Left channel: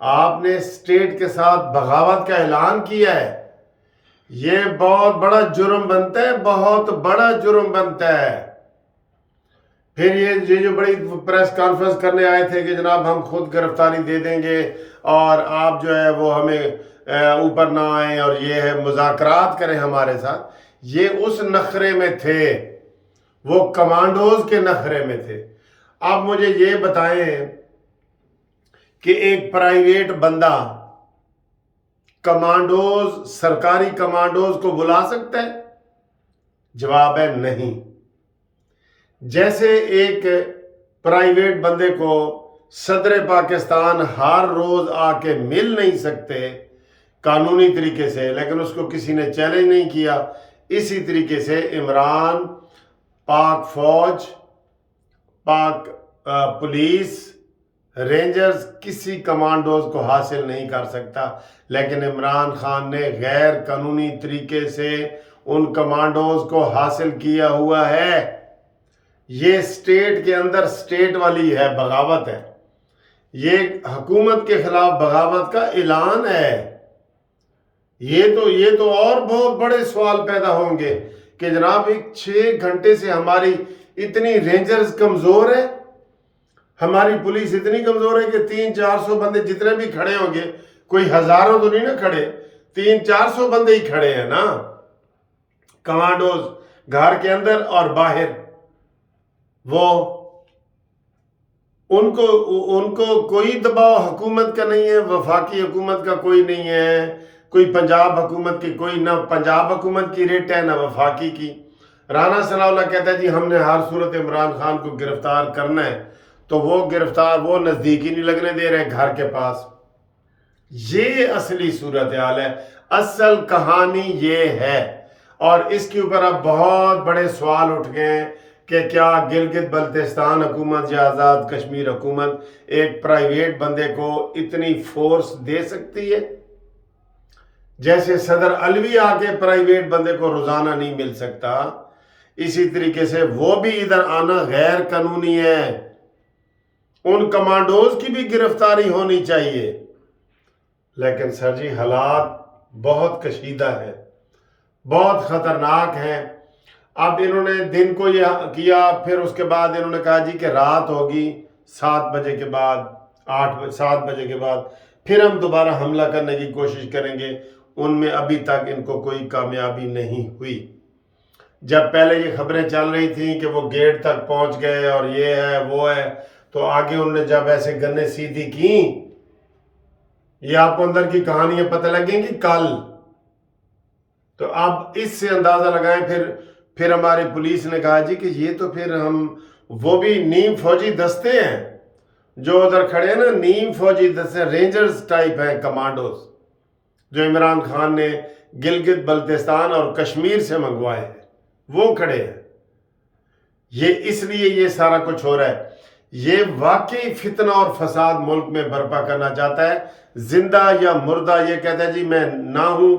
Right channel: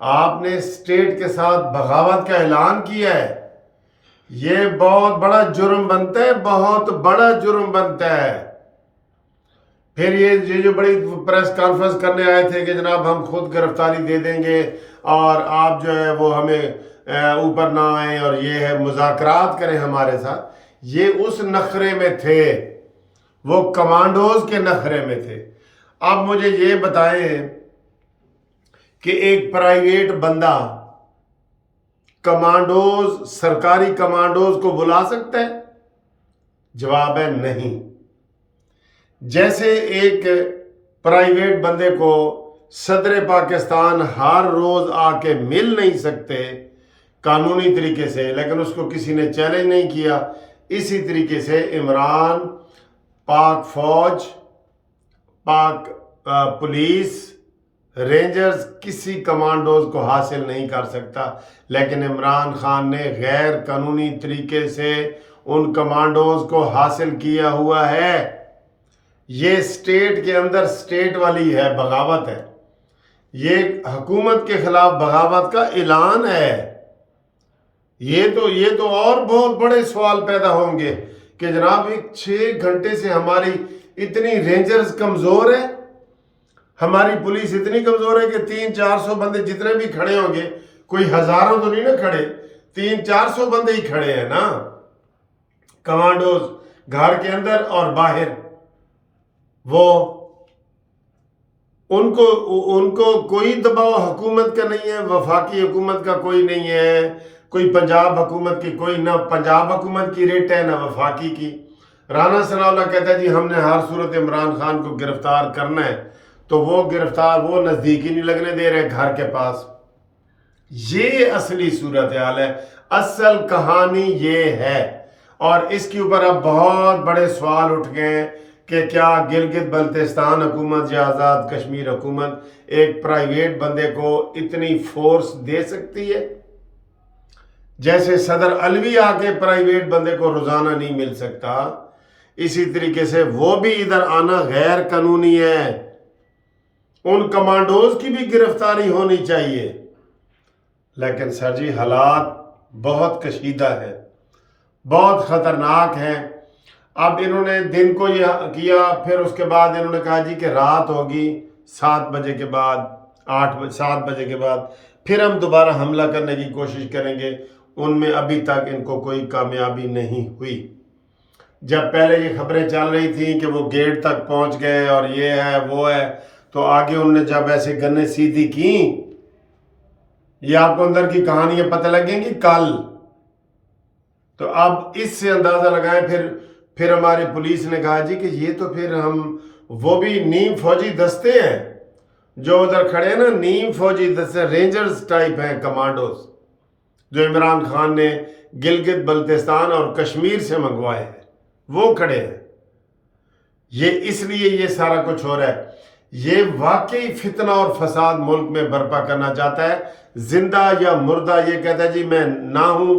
آپ نے اسٹیٹ کے ساتھ بغاوت کا اعلان کیا ہے. یہ بہت بڑا جرم بنتا ہے, بہت بڑا جرم بنتا ہے. پھر یہ جو بڑی پریس کانفرنس کرنے آئے تھے کہ جناب ہم خود گرفتاری دے دیں گے اور آپ جو ہے وہ ہمیں اوپر نہ آئیں اور یہ ہے مذاکرات کریں ہمارے ساتھ, یہ اس نخرے میں تھے, وہ کمانڈوز کے نخرے میں تھے. اب مجھے یہ بتائیں کہ ایک پرائیویٹ بندہ کمانڈوز, سرکاری کمانڈوز کو بلا سکتا ہے؟ جواب ہے نہیں. جیسے ایک پرائیویٹ بندے کو صدر پاکستان ہر روز آ کے مل نہیں سکتے قانونی طریقے سے, لیکن اس کو کسی نے چیلنج نہیں کیا, اسی طریقے سے عمران پاک فوج, پاک پولیس, رینجرز کسی کمانڈوز کو حاصل نہیں کر سکتا. لیکن عمران خان نے غیر قانونی طریقے سے ان کمانڈوز کو حاصل کیا ہوا ہے. یہ اسٹیٹ کے اندر اسٹیٹ والی ہے بغاوت ہے, یہ حکومت کے خلاف بغاوت کا اعلان ہے. یہ تو اور بہت بڑے سوال پیدا ہوں گے کہ جناب 6 گھنٹے سے ہماری اتنی رینجرز کمزور ہے, ہماری پولیس اتنی کمزور ہے کہ 300-400 بندے جتنے بھی کھڑے ہوں گے, کوئی ہزاروں تو نہیں نا کھڑے, 300-400 بندے ہی کھڑے ہیں نا کمانڈوز گھر کے اندر اور باہر. وہ ان کو کوئی دباؤ حکومت کا نہیں ہے, وفاقی حکومت کا کوئی نہیں ہے, کوئی پنجاب حکومت کی, کوئی نہ پنجاب حکومت کی ریٹ ہے نہ وفاقی کی. رانا ثناء اللہ کہتا ہے جی ہم نے ہر صورت عمران خان کو گرفتار کرنا ہے, تو وہ گرفتار وہ نزدیک ہی نہیں لگنے دے رہے گھر کے پاس. یہ اصلی صورتحال ہے, اصل کہانی یہ ہے. اور اس کے اوپر اب بہت بڑے سوال اٹھ گئے ہیں کہ کیا گلگت بلتستان حکومت یا آزاد کشمیر حکومت ایک پرائیویٹ بندے کو اتنی فورس دے سکتی ہے؟ جیسے صدر علوی آ کے پرائیویٹ بندے کو روزانہ نہیں مل سکتا, اسی طریقے سے وہ بھی ادھر آنا غیر قانونی ہے. ان کمانڈوز کی بھی گرفتاری ہونی چاہیے. لیکن سر جی حالات بہت کشیدہ ہے, بہت خطرناک ہیں. اب انہوں نے دن کو یہ کیا, پھر اس کے بعد انہوں نے کہا جی کہ رات ہوگی 7 بجے کے بعد, 7 بجے کے بعد پھر ہم دوبارہ حملہ کرنے کی کوشش کریں گے. ان میں ابھی تک ان کو کوئی کامیابی نہیں ہوئی. جب پہلے یہ خبریں چل رہی تھیں کہ وہ گیٹ تک پہنچ گئے اور یہ ہے وہ ہے, تو آگے انہوں نے جب ایسے گنے سیدھی کی, یہ آپ کو اندر کی کہانیاں پتہ لگیں گی کل. تو اب اس سے اندازہ لگائیں. پھر ہماری پولیس نے کہا جی کہ یہ تو پھر ہم وہ بھی نیم فوجی دستے ہیں جو ادھر کھڑے ہیں نا, نیم فوجی دستے رینجرز ٹائپ ہیں کمانڈوز, جو عمران خان نے گلگت بلتستان اور کشمیر سے منگوائے ہیں, وہ کھڑے ہیں. یہ اس لیے یہ سارا کچھ ہو رہا ہے. یہ واقعی فتنہ اور فساد ملک میں برپا کرنا چاہتا ہے, زندہ یا مردہ. یہ کہتا ہے جی میں نہ ہوں,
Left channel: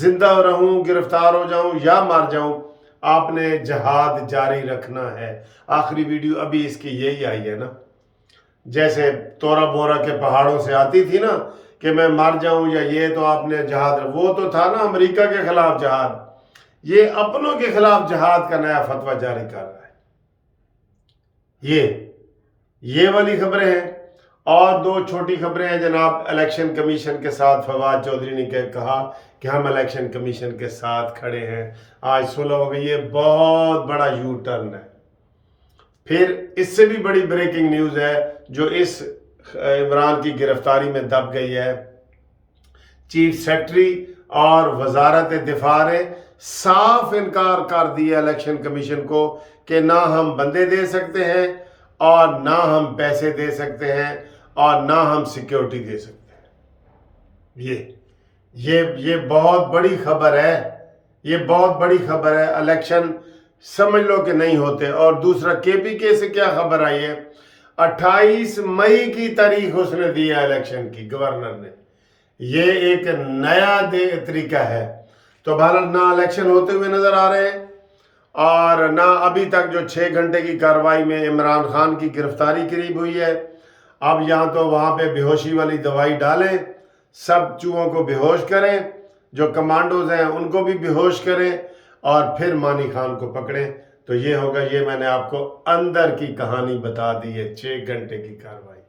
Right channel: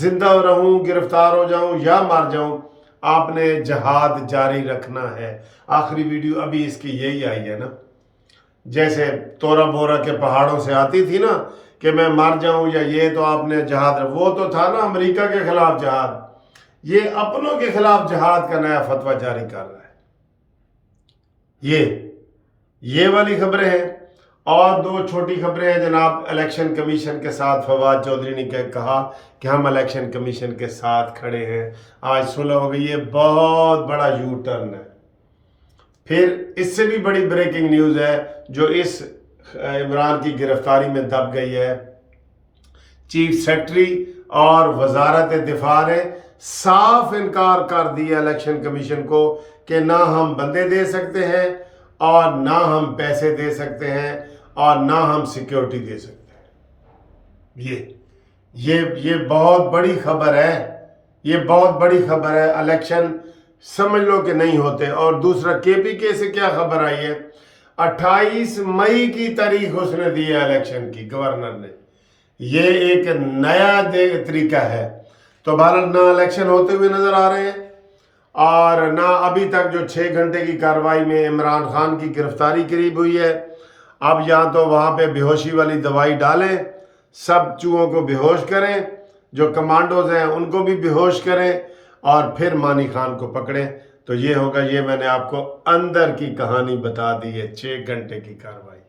زندہ رہوں, گرفتار ہو جاؤں یا مار جاؤں, آپ نے جہاد جاری رکھنا ہے. آخری ویڈیو ابھی اس کی یہی آئی ہے نا, جیسے تورا بورا کے پہاڑوں سے آتی تھی نا کہ میں مر جاؤں یا یہ, تو آپ نے جہاد, وہ تو تھا نا امریکہ کے خلاف جہاد, یہ اپنوں کے خلاف جہاد کا نیا فتویٰ جاری کر رہا ہے. یہ والی خبریں ہیں. اور 2 چھوٹی خبریں ہیں جناب. الیکشن کمیشن کے ساتھ فواد چودھری نے کہا کہ ہم الیکشن کمیشن کے ساتھ کھڑے ہیں, آج صلح ہو گئی. یہ بہت بڑا یو ٹرن ہے. پھر اس سے بھی بڑی بریکنگ نیوز ہے جو اس عمران کی گرفتاری میں دب گئی ہے. چیف سیکرٹری اور وزارت دفاع نے صاف انکار کر دیا الیکشن کمیشن کو کہ نہ ہم بندے دے سکتے ہیں اور نہ ہم پیسے دے سکتے ہیں اور نہ ہم سیکیورٹی دے سکتے ہیں. یہ بہت بڑی خبر ہے, یہ بہت بڑی خبر ہے. الیکشن سمجھ لو کہ نہیں ہوتے. اور دوسرا کے پی کے سے کیا خبر آئی ہے, 28 مئی کی تاریخ اس نے دی ہے الیکشن کی, گورنر نے. یہ ایک نیا طریقہ ہے. تو بہرحال نہ الیکشن ہوتے ہوئے نظر آ رہے ہیں اور نہ ابھی تک جو 6 گھنٹے کی کارروائی میں عمران خان کی گرفتاری قریب ہوئی ہے. اب یہاں تو وہاں پہ بے ہوشی والی دوائی ڈالیں، سب چوہوں کو بے ہوش کریں، جو کمانڈوز ہیں ان کو بھی بے ہوش کریں، اور پھر مانی خان کو پکڑیں. تو یہ ہوگا. یہ میں نے آپ کو اندر کی کہانی بتا دی ہے 6 گھنٹے کی کارروائی.